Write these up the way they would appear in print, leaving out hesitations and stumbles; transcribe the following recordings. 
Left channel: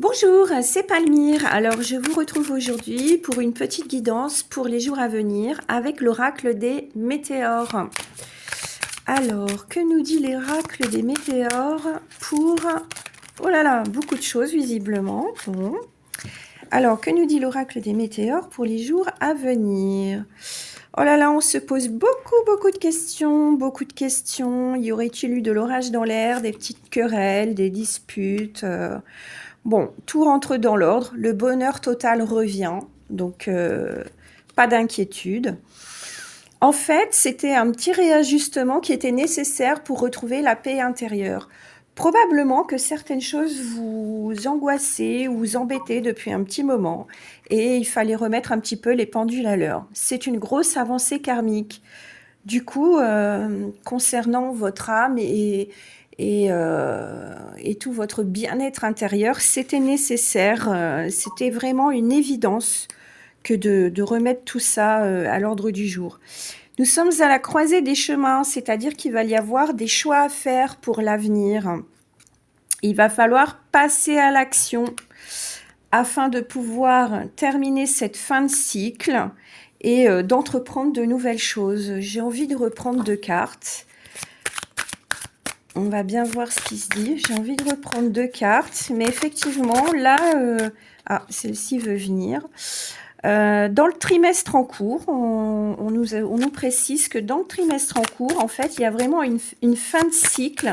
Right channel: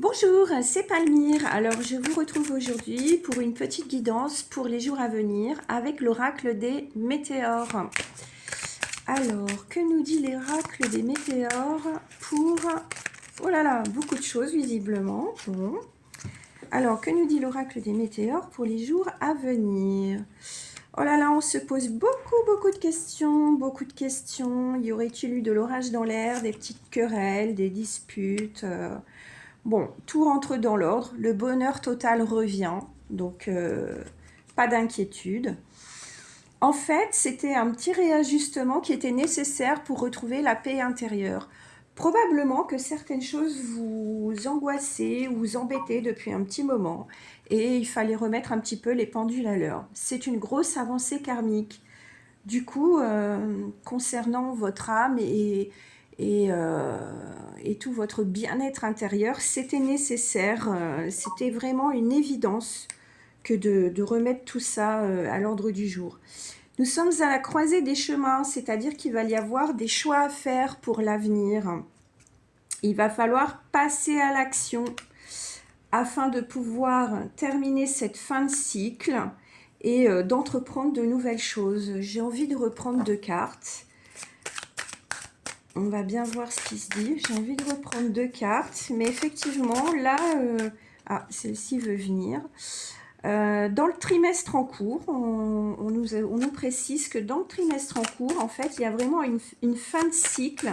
Bonjour, c'est Palmyre. Alors, je vous retrouve aujourd'hui pour une petite guidance pour les jours à venir avec l'oracle des météores. Alors, que nous dit l'oracle des météores pour... Oh là là, beaucoup de choses visiblement. Bon. Alors, que nous dit l'oracle des météores pour les jours à venir? Oh là là, on se pose beaucoup de questions, beaucoup de questions. Y aurait-il eu de l'orage dans l'air, des petites querelles, des disputes Bon, tout rentre dans l'ordre, le bonheur total revient, donc pas d'inquiétude. En fait, c'était un petit réajustement qui était nécessaire pour retrouver la paix intérieure. Probablement que certaines choses vous angoissaient ou vous embêtaient depuis un petit moment et il fallait remettre un petit peu les pendules à l'heure. C'est une grosse avancée karmique. Du coup, concernant votre âme et tout votre bien-être intérieur, c'était nécessaire, c'était vraiment une évidence que de remettre tout ça à l'ordre du jour. Nous sommes à la croisée des chemins, c'est-à-dire qu'il va y avoir des choix à faire pour l'avenir. Il va falloir passer à l'action afin de pouvoir terminer cette fin de cycle et d'entreprendre de nouvelles choses. J'ai envie de reprendre 2 cartes. On va bien voir ce qui se dit. J'ai envie de reprendre 2 cartes, mais effectivement, là... celle-ci veut venir. Dans le trimestre en cours, on nous précise que dans le trimestre en cours, en fait, il y a vraiment une fin de cycle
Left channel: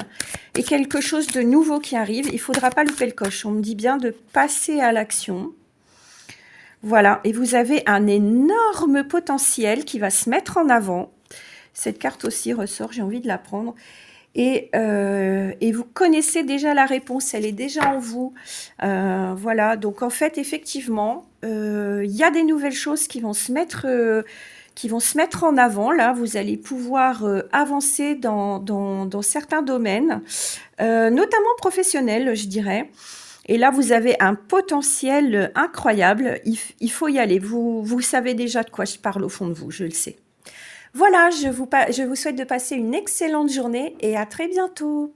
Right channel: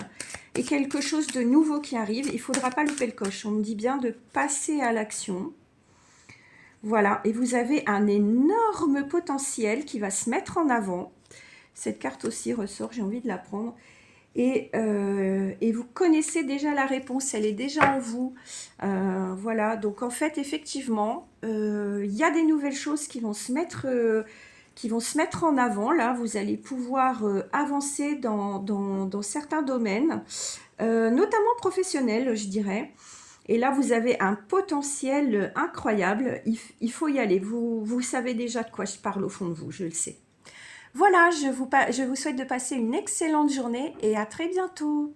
et quelque chose de nouveau qui arrive. Il ne faudra pas louper le coche. On me dit bien de passer à l'action. Voilà, et vous avez un énorme potentiel qui va se mettre en avant. Cette carte aussi ressort, j'ai envie de la prendre. Et vous connaissez déjà la réponse, elle est déjà en vous. Voilà, donc en fait, effectivement, il y a des nouvelles choses qui vont se mettre en avant. Là, vous allez pouvoir avancer dans certains domaines, notamment professionnels, je dirais. Et là, vous avez un potentiel incroyable. Il faut y aller. Vous savez déjà de quoi je parle au fond de vous, je le sais. Voilà, je vous souhaite de passer une excellente journée et à très bientôt.